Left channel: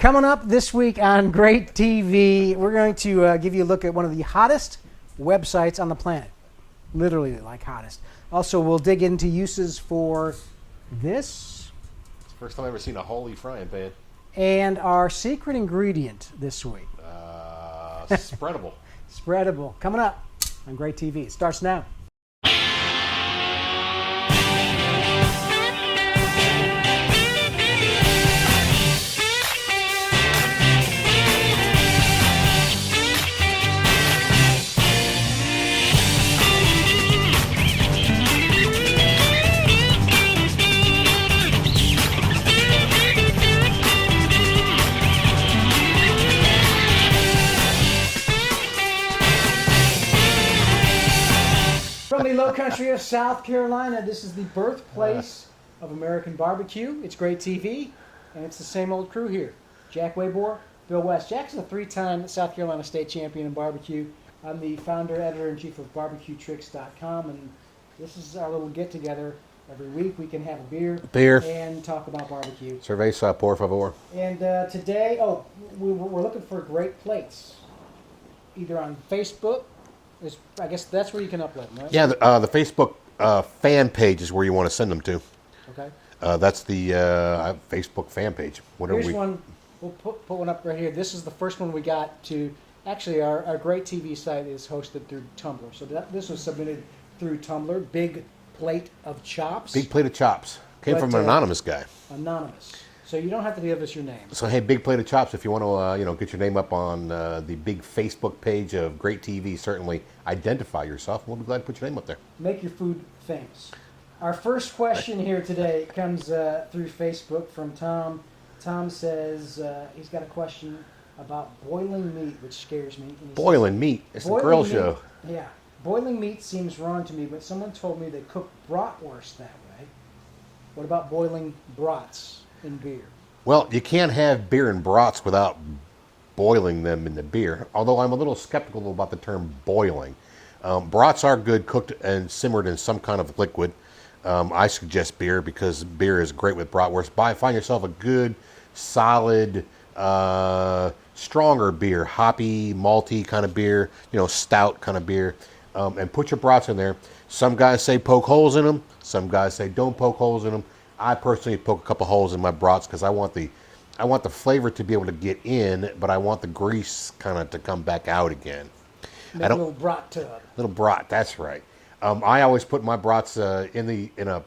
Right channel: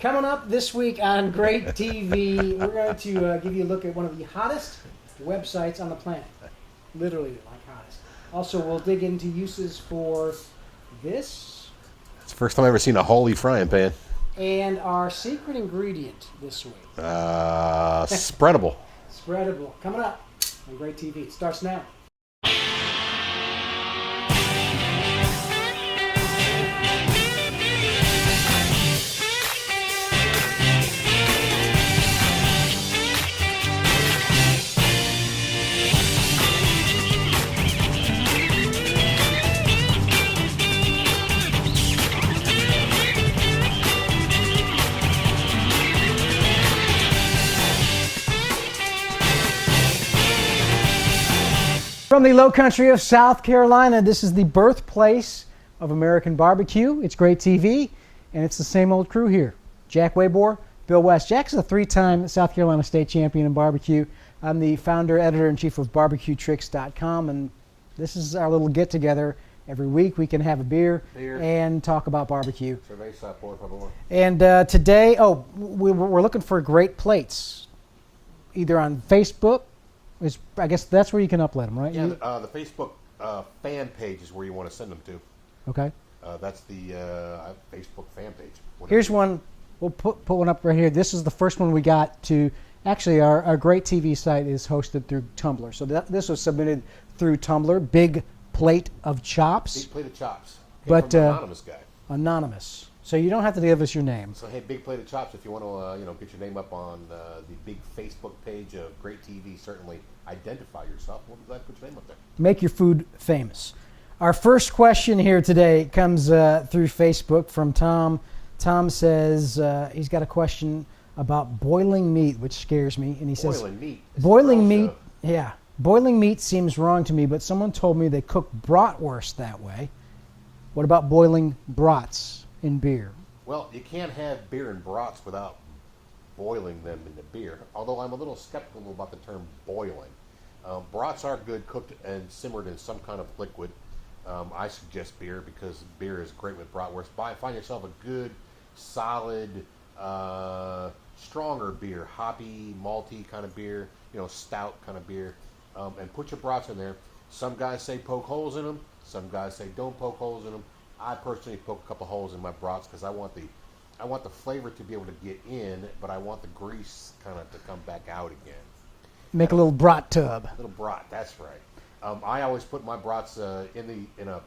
Coming up this week on GrateTV, we're going to give you a look at one of the hottest websites on the planet. Literally, like hottest. Also, we'll dig into uses for this. It's the first time I've ever seen a holy frying pan. And our secret ingredient this week. Spreadable. Spreadable. Coming up on GrateTV. It starts now. From the low country of South Carolina, this is the birthplace of American barbecue. It's GrateTV, and it's the same old crew here. Jack Waybor, Bill West. Jack's a three-time South Carolina state champion in barbecue. I'm the founder, editor-in-chief of BarbecueTricks.com, and this is our little get-together. Every week we can have a beer and talk about barbecue. Cerveza, por favor. And today, we're looking for great plates, either on Facebook. I guess that's where you can upload them, right? Yeah, the Facebook fan page is where you want to send them to. Okay. That's the Facebook fan page. Here's one. We'll put one up right here. This is the first one we got to. Actually, our GrateTV site is hosted through Tumblr. So this was submitted through Tumblr. Big plate of chops. Big plate of chops. Came from an anonymous guy. Anonymous. So you don't have to give us your name. So hey, big plate of chops. If you want to, get your name up on the big Facebook page of GrateTV, certainly identify yourself. We'll be glad to put your name up there. Make your food famous. Our first question here today comes through Facebook from Tom. Tom says he's got a question about boiling meat, which scares me. And he boiling says, meat. It's boiling the meat. show. Yeah, boiling meat seems wrong to me, but someone told me they cook bratwurst that way. What about boiling brats in beer? Well, you can't have beer and brats without boiling them in the beer, although I'm a little skeptical about the term boiling. Brats are good cooked and simmered in some kind of liquid. I suggest beer because beer is great with bratwurst. Find yourself a good, solid, stronger beer, hoppy, malty kind of beer, stout kind of beer, and put your brats in there. Some guys say poke holes in them. Some guys say don't poke holes in them. I personally poke a couple holes in my brats because I want the flavor to be able to get in, but I want the grease kind of to come back out again. Make a little brat tub. Little brat, that's right. I always put my brats in a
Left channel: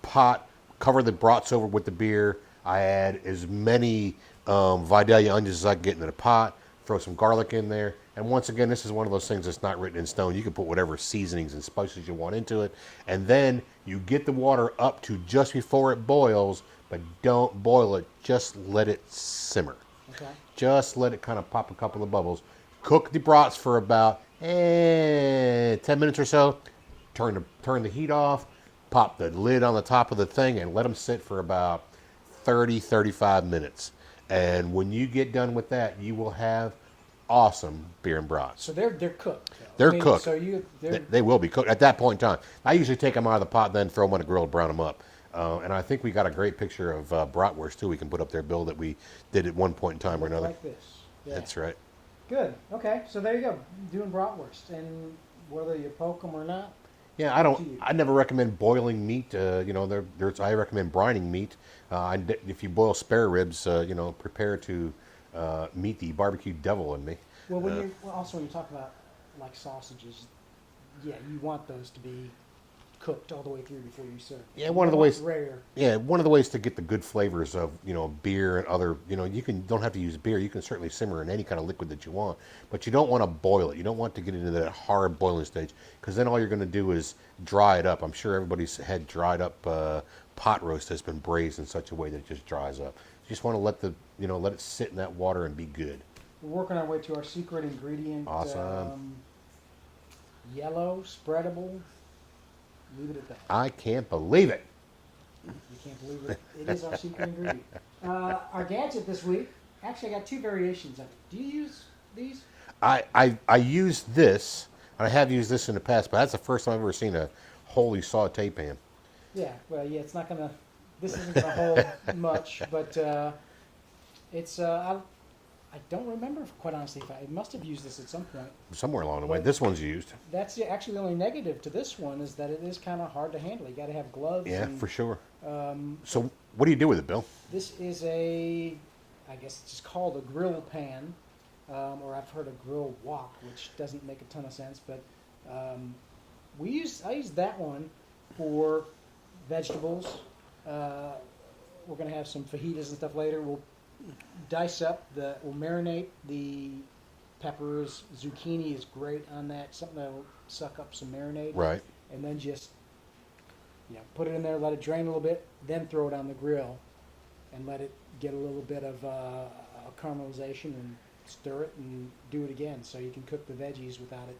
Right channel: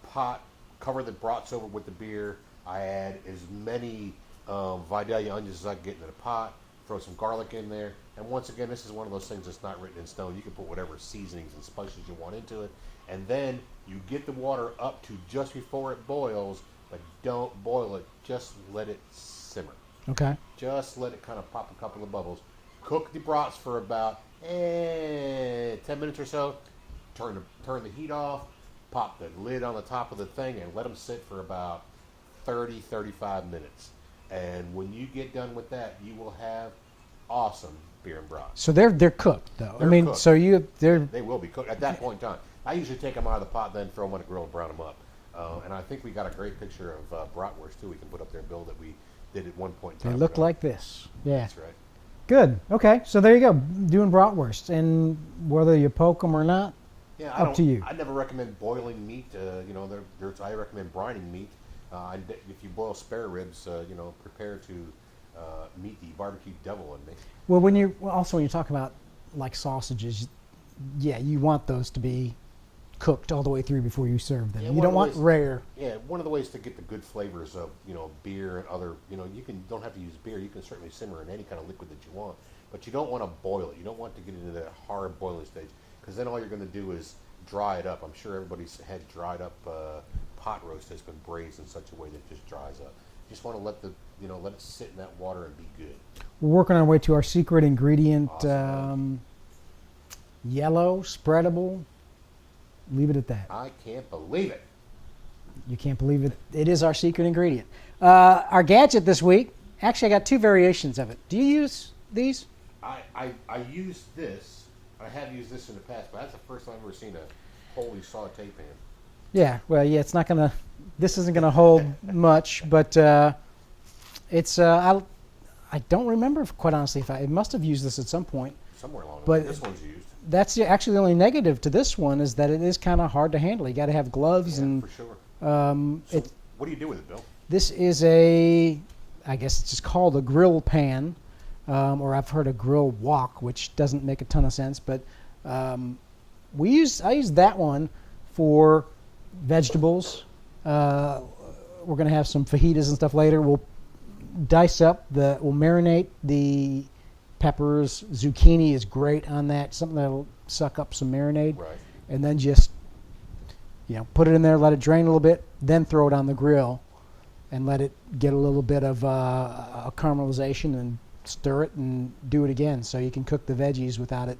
pot, cover the brats over with the beer. I add as many Vidalia onions as I can get into the pot, throw some garlic in there. And once again, this is one of those things that's not written in stone. You can put whatever seasonings and spices you want into it. And then you get the water up to just before it boils, but don't boil it. Just let it simmer. Okay. Just let it kind of pop a couple of bubbles. Cook the brats for about 10 minutes or so. Turn the heat off. Pop the lid on the top of the thing and let them sit for about 30-35 minutes. And when you get done with that, you will have awesome beer and brats. So they're cooked, though. They're cooked. So they will be cooked at that point in time. I usually take them out of the pot, then throw them on the grill, brown them up. And I think we got a great picture of bratwurst too. We can put up there, Bill, that we did at one point in time. They look like this. Yeah, that's right. Good. Okay, so there you go, doing bratwurst, and whether you poke them or not. Yeah, up to you. I never recommend boiling meat. I recommend brining meat. If you boil spare ribs, prepare to meet the barbecue devil in me. Well, when you talk about like sausages, yeah, you want those to be cooked all the way through before you serve them. Yeah, you don't want rare. Yeah, one of the ways to get the good flavors of beer and other don't have to use beer. You can certainly simmer in any kind of liquid that you want, but you don't want to boil it. You don't want to get into that hard boiling stage because then all you're going to do is dry it up. I'm sure everybody's had dried up pot roast has been braised in such a way that it just dries up. You just want to let it sit in that water and be good. We're working our way to our secret ingredient. Awesome. Yellow, spreadable. Leave it at that. I can't believe it. You can't believe it. It is our secret ingredient. Our gadget this week, actually I got two variations of it. Do you use these? I use this. I have used this in the past, but that's the first time I've ever seen a holy saute pan. Yeah, well, yeah, it's not going to, this isn't going to hold much, but It's I don't remember, quite honestly. If I must have used this at some point. Somewhere along the But way. This one's used. Actually the only negative to this one is that it is kind of hard to handle. You got to have gloves. Yeah, and for sure. So what do you do with it, Bill? This is I guess it's just called a grill pan, or I've heard a grill wok, which doesn't make a ton of sense. But I use that one for vegetables. We're gonna have some fajitas and stuff later. We'll we'll marinate the peppers. Zucchini is great on that. Something that'll suck up some marinade. Right. And then just put it in there, let it drain a little bit, then throw it on the grill and let it get a little bit of a caramelization, and stir it and do it again. So you can cook the veggies without it,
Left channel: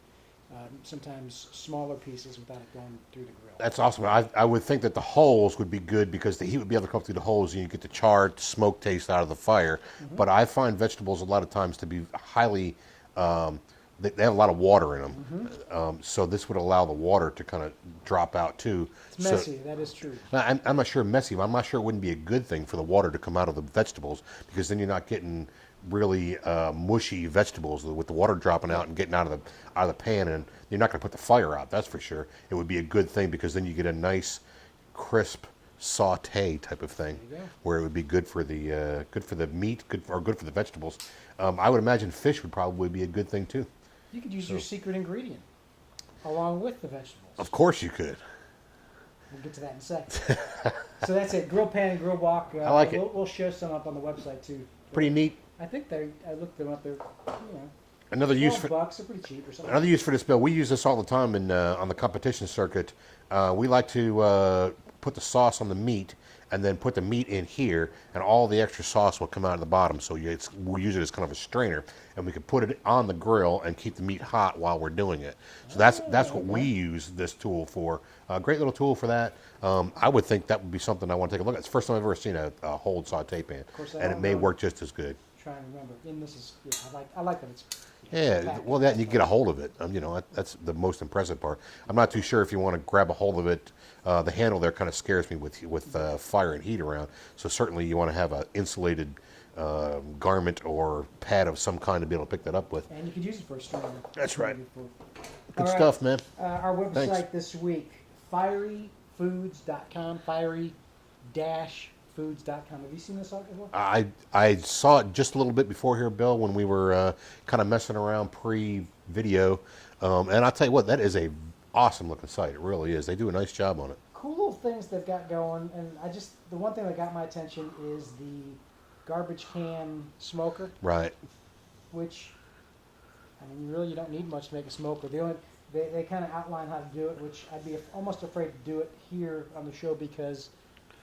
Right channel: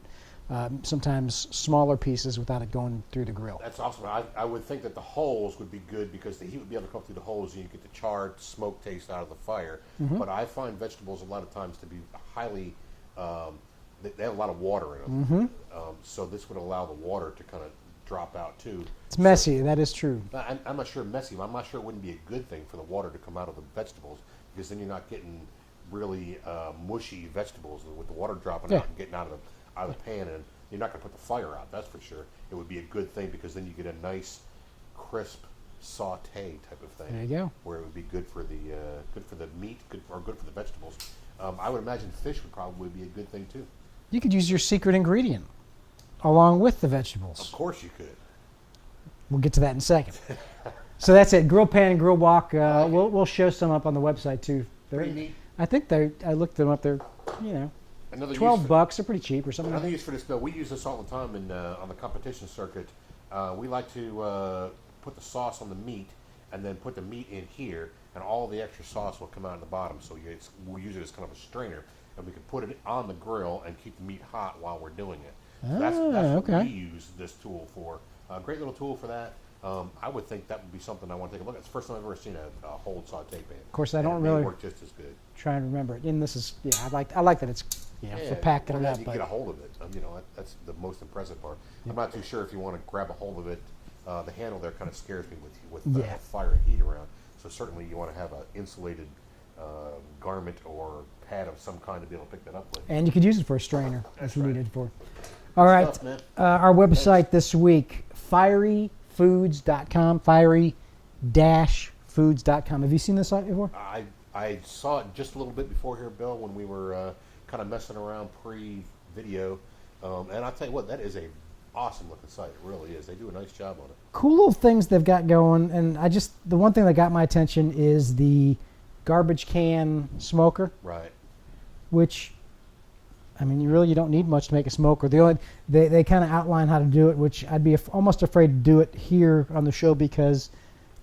sometimes smaller pieces without it going through the grill. That's awesome. I would think that the holes would be good because the heat would be able to come through the holes and you get the charred smoke taste out of the fire. Mm-hmm. But I find vegetables a lot of times to be highly, they have a lot of water in them. Mm-hmm. So this would allow the water to kind of drop out too. It's messy, that is true. I'm not sure messy, but I'm not sure it wouldn't be a good thing for the water to come out of the vegetables, because then you're not getting really mushy vegetables with the water dropping out and getting out of the pan, and you're not going to put the fire out. That's for sure. It would be a good thing because then you get a nice, crisp saute type of thing. There you go. Where it would be good for the meat, good for the vegetables. I would imagine fish would probably be a good thing too. You could use your secret ingredient along with the vegetables. Of course you could. We'll get to that in a second. So that's it. Grill pan and grill wok. like it. We'll show some up on the website too. Pretty neat. I think I looked them up. They're, Another use $12. for They're pretty cheap or something. Another use for this, Bill. We use this all the time on the competition circuit. We like to put the sauce on the meat and then put the meat in here, and all the extra sauce will come out of the bottom. So we'll use it as kind of a strainer, and we can put it on the grill and keep the meat hot while we're doing it. So that's what we use this tool for. Great little tool for that. I would think that would be something I want to take a look at. It's the first time I've ever seen a hold saute pan. Of course, and it may work just as good. Trying to remember it. And this is, I like that it's so packed. Well, then you get a hold of it. That's the most impressive part. I'm not too sure if you want to grab a hold of it. The handle there kind of scares me with fire and heat around. So certainly you want to have an insulated garment or pad of some kind to be able to pick that up with. And you could use it for a strainer. That's if you right. needed for. Good All right, stuff, man. Our website Thanks. this week, fieryfoods.com, fiery-foods.com. Have you seen this site before? I saw it just a little bit before here, Bill, when we were kind of messing around pre-video. And I'll tell you what, that is a awesome looking site. It really is. They do a nice job on it. Cool little things they've got going. And the one thing that got my attention is the garbage can smoker. Right. Which, you don't need much to make a smoker. They kind of outline how to do it, which I'd be almost afraid to do it here on the show because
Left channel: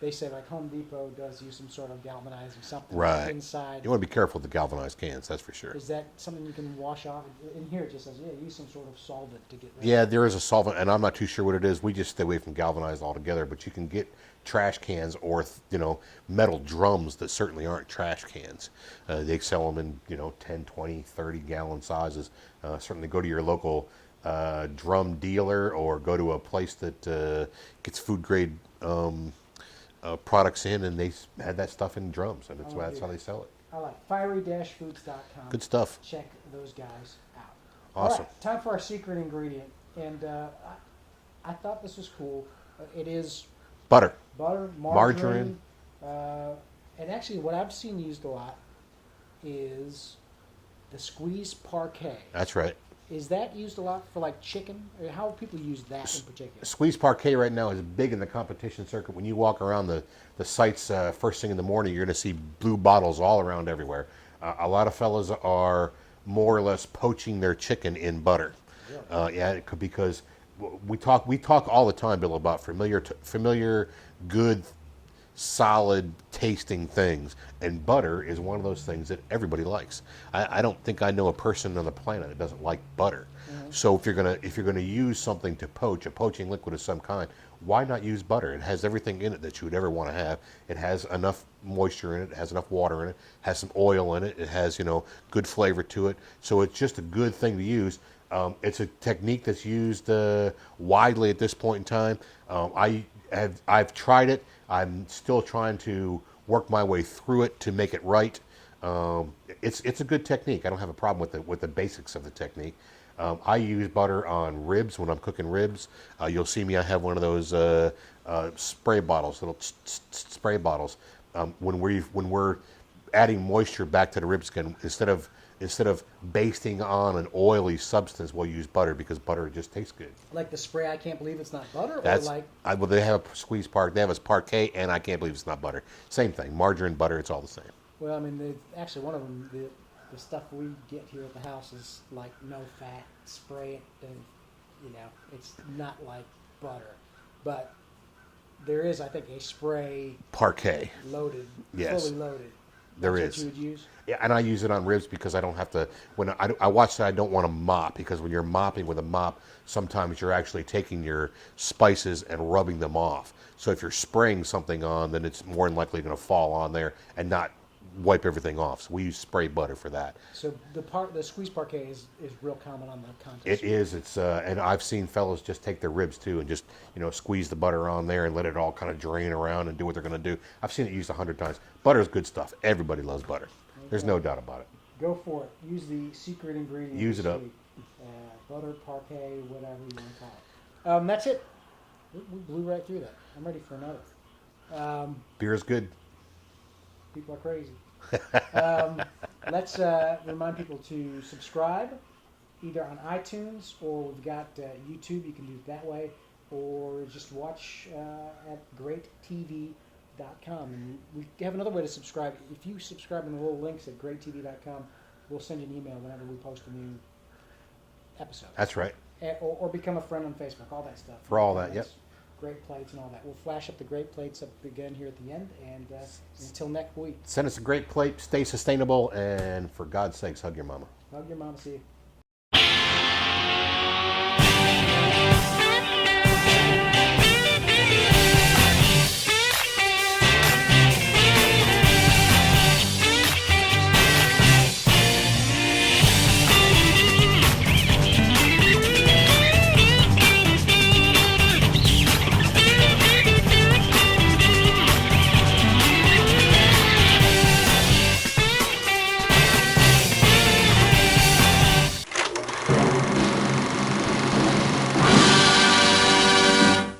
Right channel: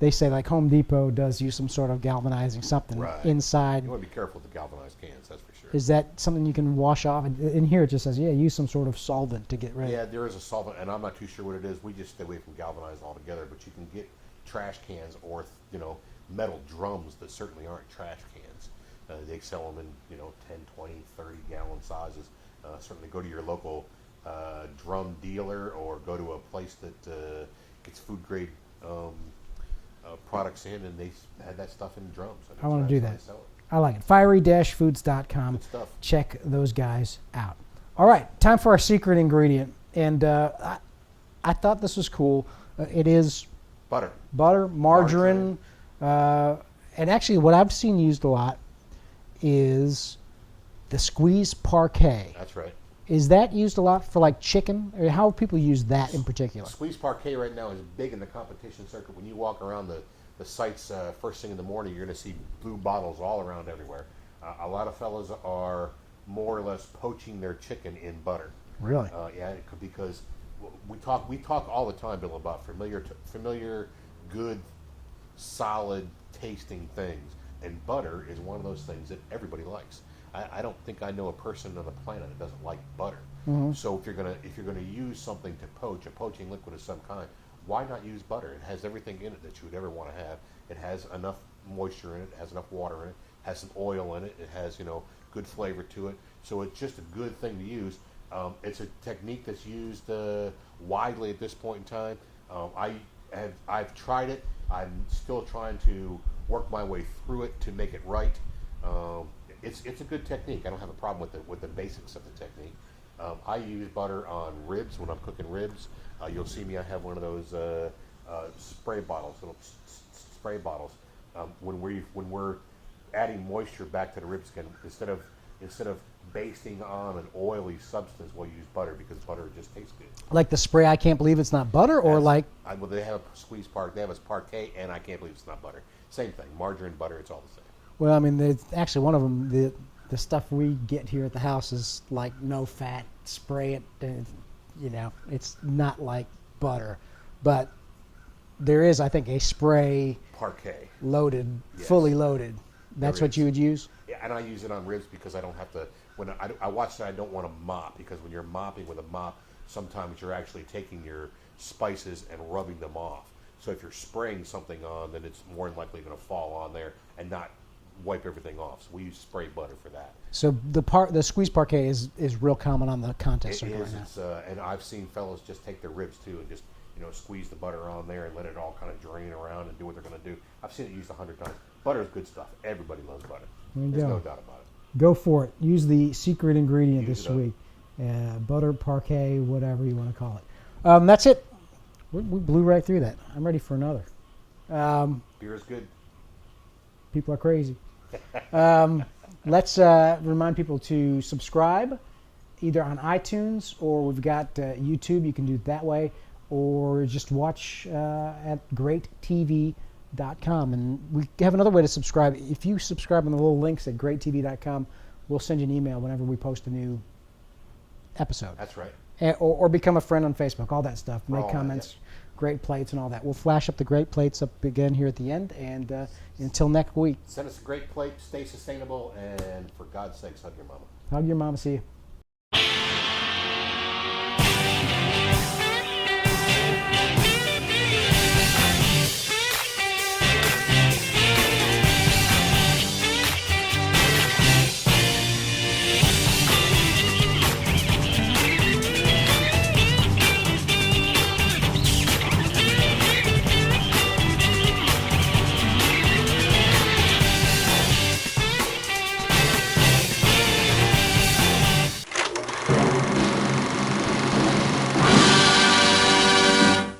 they say like Home Depot does use some sort of galvanizing something inside. You want to be careful with the galvanized cans, that's for sure. Is that something you can wash off? In here it just says, use some sort of solvent to get rid of it. Yeah, there is a solvent, and I'm not too sure what it is. We just stay away from galvanized altogether, but you can get trash cans or metal drums that certainly aren't trash cans. They sell them in 10, 20, 30 gallon sizes. Certainly go to your local drum dealer or go to a place that gets food grade products in, and they had that stuff in drums. And that's how they sell it. I like it. Fiery-foods.com. Good stuff. Check those guys out. Awesome. All right, time for our secret ingredient. And I thought this was cool. It is Butter, margarine. And actually what I've seen used a lot is the squeeze parquet. That's right. Is that used a lot for like chicken? Or how do people use that in particular? Squeeze parquet right now is big in the competition circuit. When you walk around the sites first thing in the morning, you're going to see blue bottles all around everywhere. A lot of fellas are more or less poaching their chicken in butter. Really? Because we talk all the time, Bill, about familiar, good, solid tasting things, and butter is one of those things that everybody likes. I don't think I know a person on the planet that doesn't like butter. Mm-hmm. So if you're gonna use something to poach, a poaching liquid of some kind, why not use butter? It has everything in it that you would ever want to have. It has enough moisture in it. It has enough water in it. Has some oil in it. It has good flavor to it. So it's just a good thing to use. It's a technique that's used widely at this point in time. I've tried it. I'm still trying to work my way through it to make it right. It's a good technique. I don't have a problem with the basics of the technique. I use butter on ribs when I'm cooking ribs. You'll see me. I have one of those spray bottles, little spray bottles. When we're adding moisture back to the rib skin, instead of basting on an oily substance, we'll use butter because butter just tastes good. Like the spray, I can't believe it's not butter, or well, they have a squeeze they have a parquet, and I can't believe it's not butter. Same thing, margarine, butter, it's all the same. Well, I mean, actually one of them, the stuff we get here at the house is like no fat, spray it, it's not like butter, but there is, I think, a spray parquet loaded, yes. fully loaded. That's what you would use? Yeah, and I use it on ribs because I don't have to, when I watch that, I don't want to mop, because when you're mopping with a mop, sometimes you're actually taking your spices and rubbing them off. So if you're spraying something on, then it's more than likely going to fall on there and not wipe everything off. So we use spray butter for that. So the squeeze parquet is real common on the contest. It is. It's and I've seen fellows just take their ribs too and just squeeze the butter on there and let it all kind of drain around and do what they're going to do. I've seen it used 100 times. Butter is good stuff. Everybody loves butter. There's no doubt about it. Go for it. Use the secret ingredient Use this it up. week. Butter, parquet, whatever you want to call it. That's it. We blew right through that. I'm ready for another. Beer is good. People are crazy. Let's remind people to subscribe either on iTunes, or we've got YouTube. You can do it that way, or just watch at GrateTV.com. And we have another way to subscribe. If you subscribe on the little links at GrateTV.com, we'll send you an email whenever we post a new episode. That's right. Or become a friend on Facebook, all that stuff. For all comments, that, yep. Great plates and all that. We'll flash up the great plates up again here at the end. And until next week. Send us a great plate. Stay sustainable. And for God's sakes, hug your mama. Hug your mama. See you.